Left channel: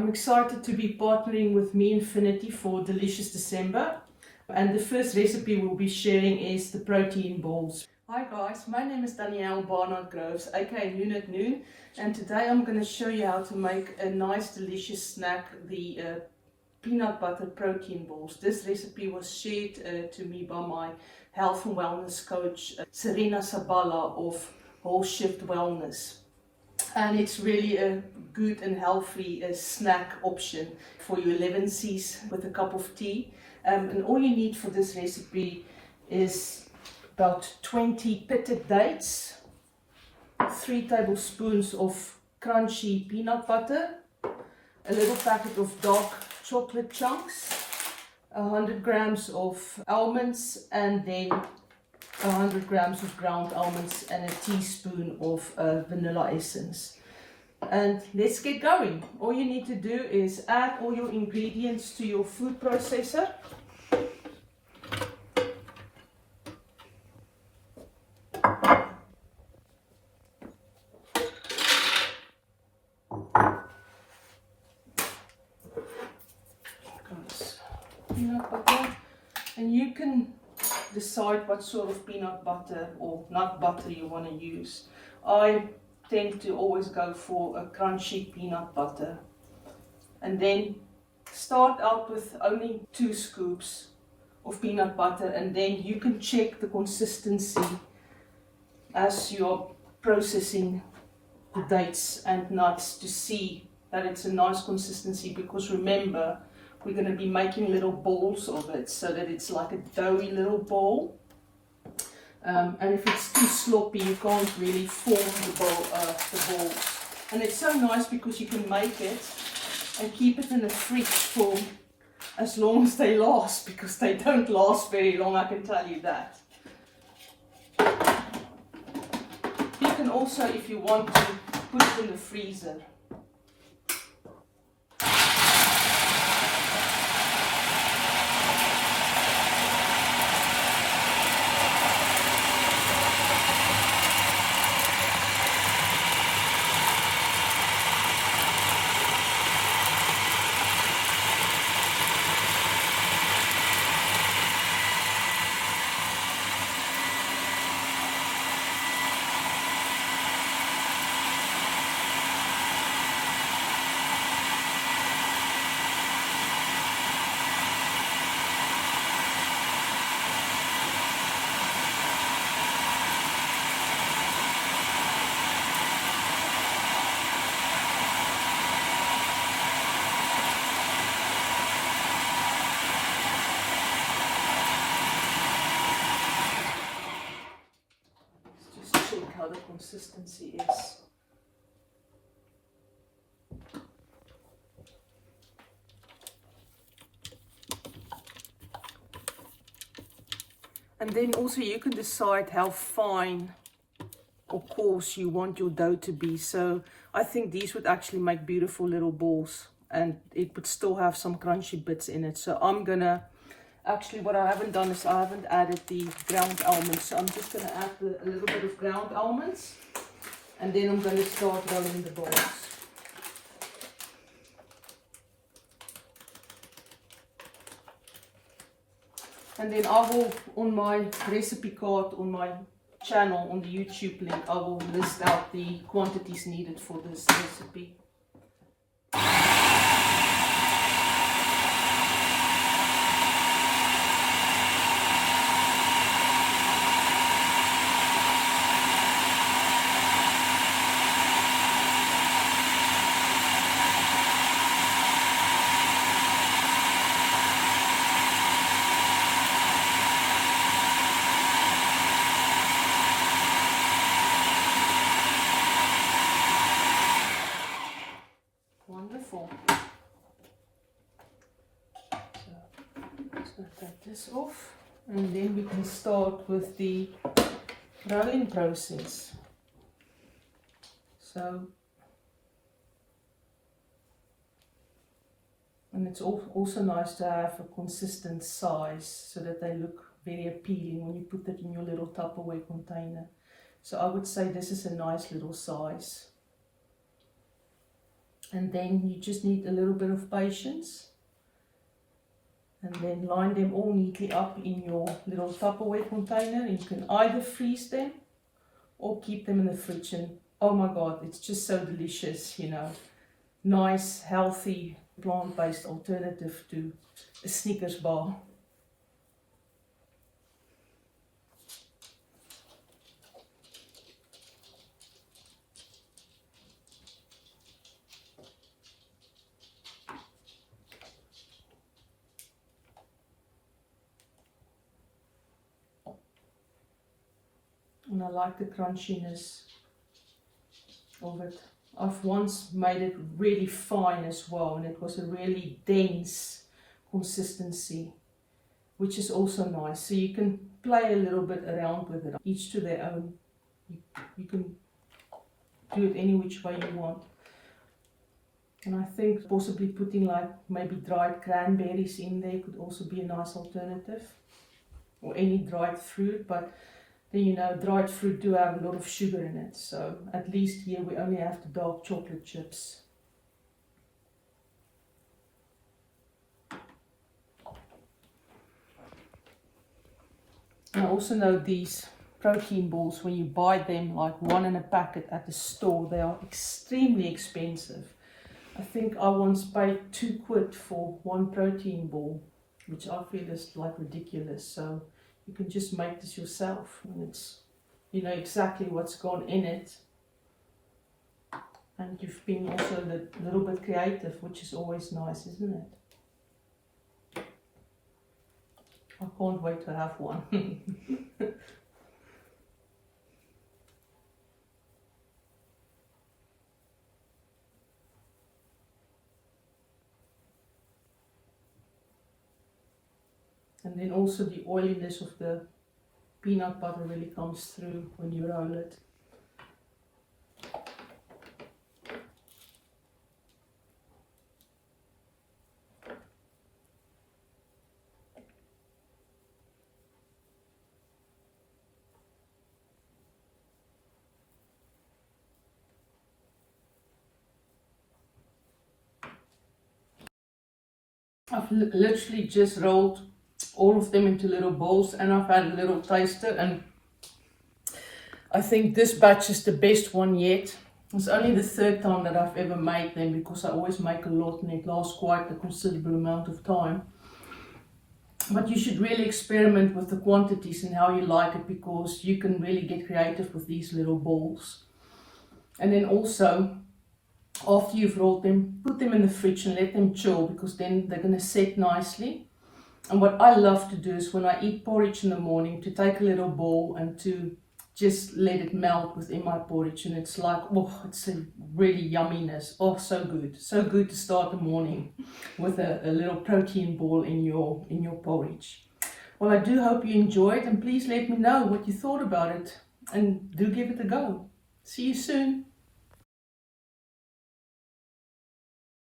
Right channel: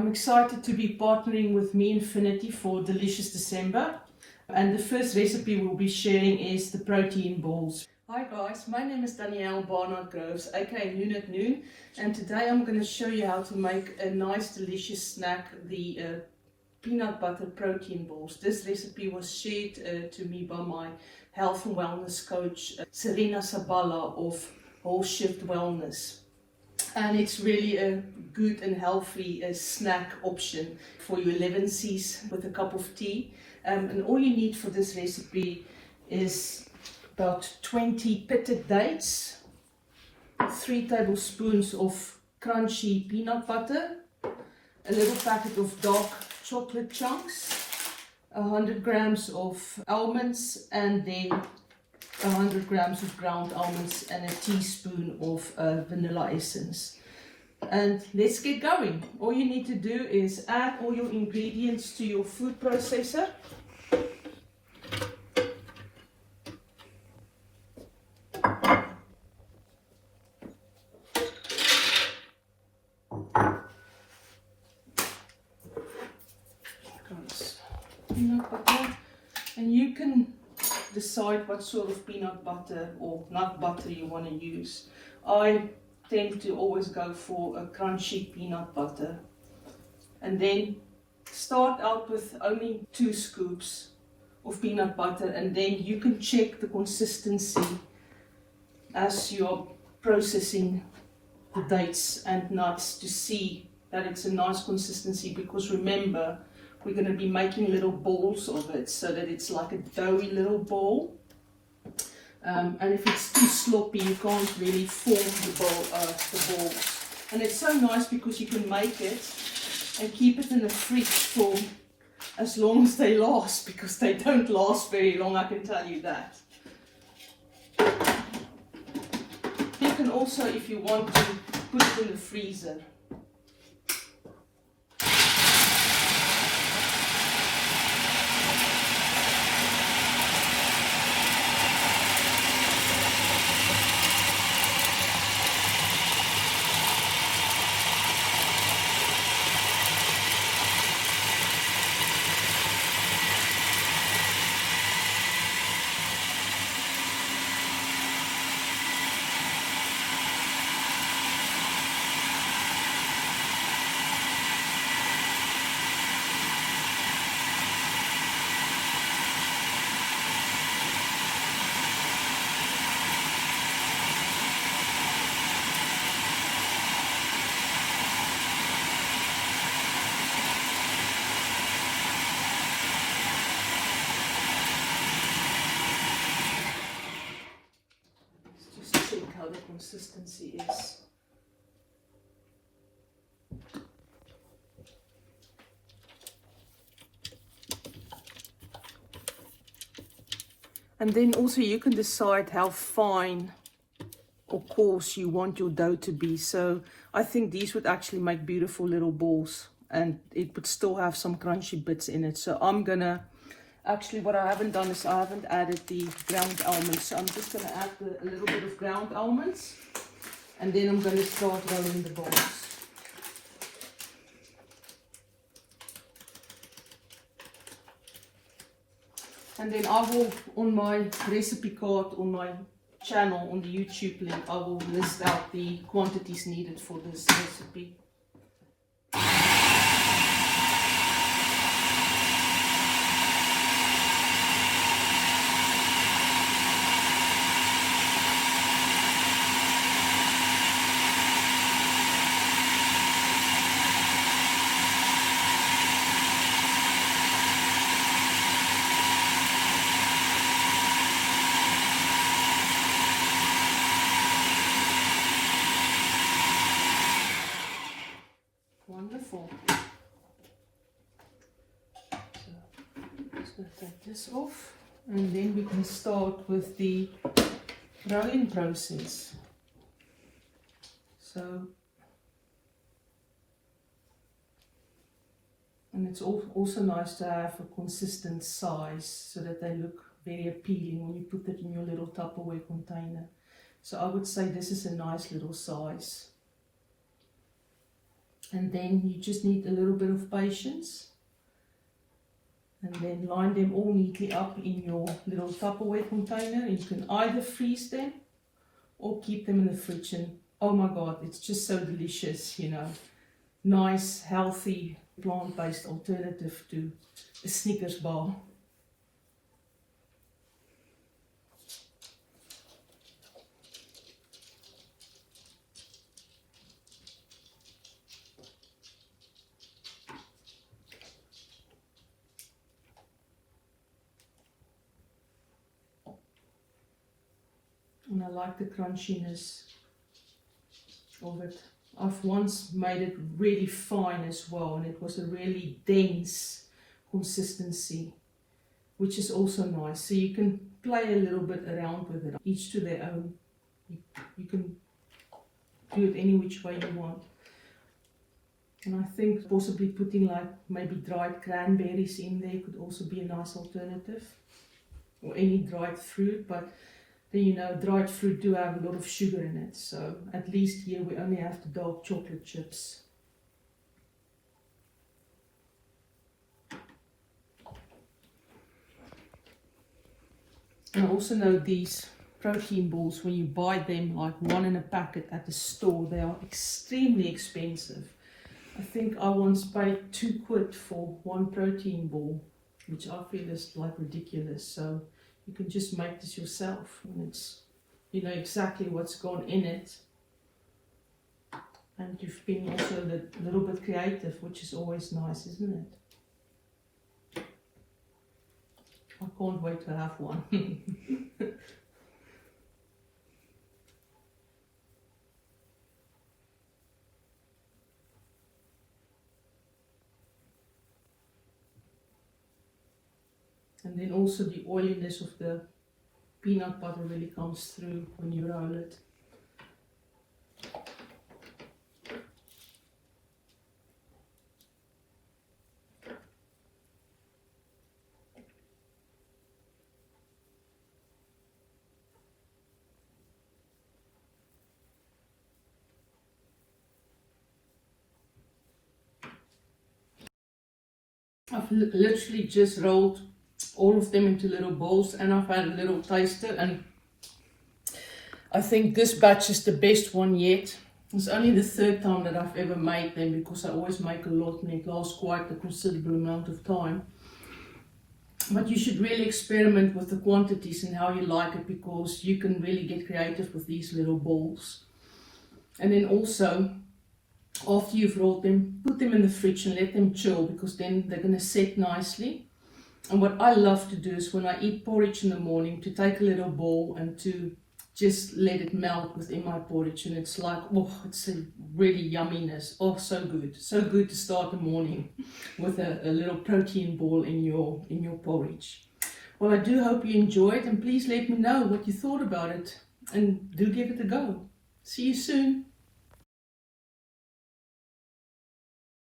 I'm excited to be partnering with Me Infinity for Delicious December. And the first recipe we'll be sharing is the protein balls. Hi guys, my name is Danielle Barnard Groves, aka Noon at Noon. And today I'm going to show you how to make a nice delicious snack, the peanut butter protein balls. This recipe was shared to me by my health and wellness coach, Serena Sabala of Wholeshift Wellness. And it's really a good and healthy snack option for your 11Cs with a cup of tea. And all you need for this recipe is about 20 pitted dates, 3 tablespoons of crunchy peanut butter, a little packet of dark chocolate chunks, 100 grams of almonds, and then 100 grams of ground almonds and a teaspoon of vanilla essence. And let's get going. All you need to do is add all your ingredients to your food processor. Peanut butter, and you can decide what sort of peanut butter or nut butter you want to use. I tend to always go for a crunchy peanut butter, and then start out with only 2 scoops of peanut butter, and then you can check the consistency as you're processing the dates and nuts to see that it's a nice consistency, because remember, we're going to be making little balls of it so that it's like a doughy little ball. And if it's too sloppy, you can't really form the balls. And it's so nice because you can make it and keep it in the fridge for as long as they last, because they don't last very long, I can tell you that. You can also, if you want to, put it in the freezer. How the consistency is. And then also you can decide how fine or coarse you want your dough to be. So I think these would actually make beautiful little balls, and it would still have some crunchy bits in it. So I'm gonna, actually what I haven't done is I haven't added the ground almonds. So I'm just gonna add a little bit of ground almonds, and then I'm gonna start rolling the balls. And then I will, on my recipe card, on my channel, on the YouTube link, I will list out the quantities needed for this recipe. Wonderful. So just going to take this off, and then we can start with the rolling process. So, and it's also nice to have a consistent size so that they look very appealing when you put it in your little Tupperware container. So I would say this is a nice little size. And then you just need a little bit of patience. And then line them all neatly up in your little Tupperware container. You can either freeze them or keep them in the fridge. And oh my God, it's just so delicious, you know. Nice, healthy, plant-based alternative to a Snickers bar. And I like the crunchiness of it. I've once made it really fine as well, and it was a really dense consistency, which is also nice. So you can play a little bit around with it, each to their own. You can do it any which way you want. And I think possibly putting like maybe dried cranberries in there could also be a nice alternative, or any dried fruit, but then, you know, dried fruit do have a lot of sugar in it, so at least here we only have the dark chocolate chips. I also know these protein balls, when you buy them like one in a packet at the store, they are extremely expensive. I think I once paid £2 for one protein ball, which I feel is like ridiculous. So you can just make this yourself, and it's, you know exactly what's gone in it, and you've been also a little bit creative, which is always nice, isn't it? I can't wait to have one. And then also the oiliness of the peanut butter really comes through when you roll it. I've literally just rolled all of them into little bowls, and I've had a little taster, and I think this batch is the best one yet. It's only the third time that I've ever made them, because I always make a lot and it lasts quite a considerable amount of time. But you should really experiment with the quantities and how you like it, because you can really get creative with these little balls. And then also, after you've rolled them, put them in the fridge and let them chill, because then they're going to set nicely. And what I love to do is when I eat porridge in the morning, to take a little bowl and to just let it melt within my porridge. And it's like, oh, it's a really yumminess. Oh, so good. So good to start the morning with a little protein ball in your porridge. Well, I do hope you enjoyed, and please let me know what you thought about it, and do give it a go. See you soon.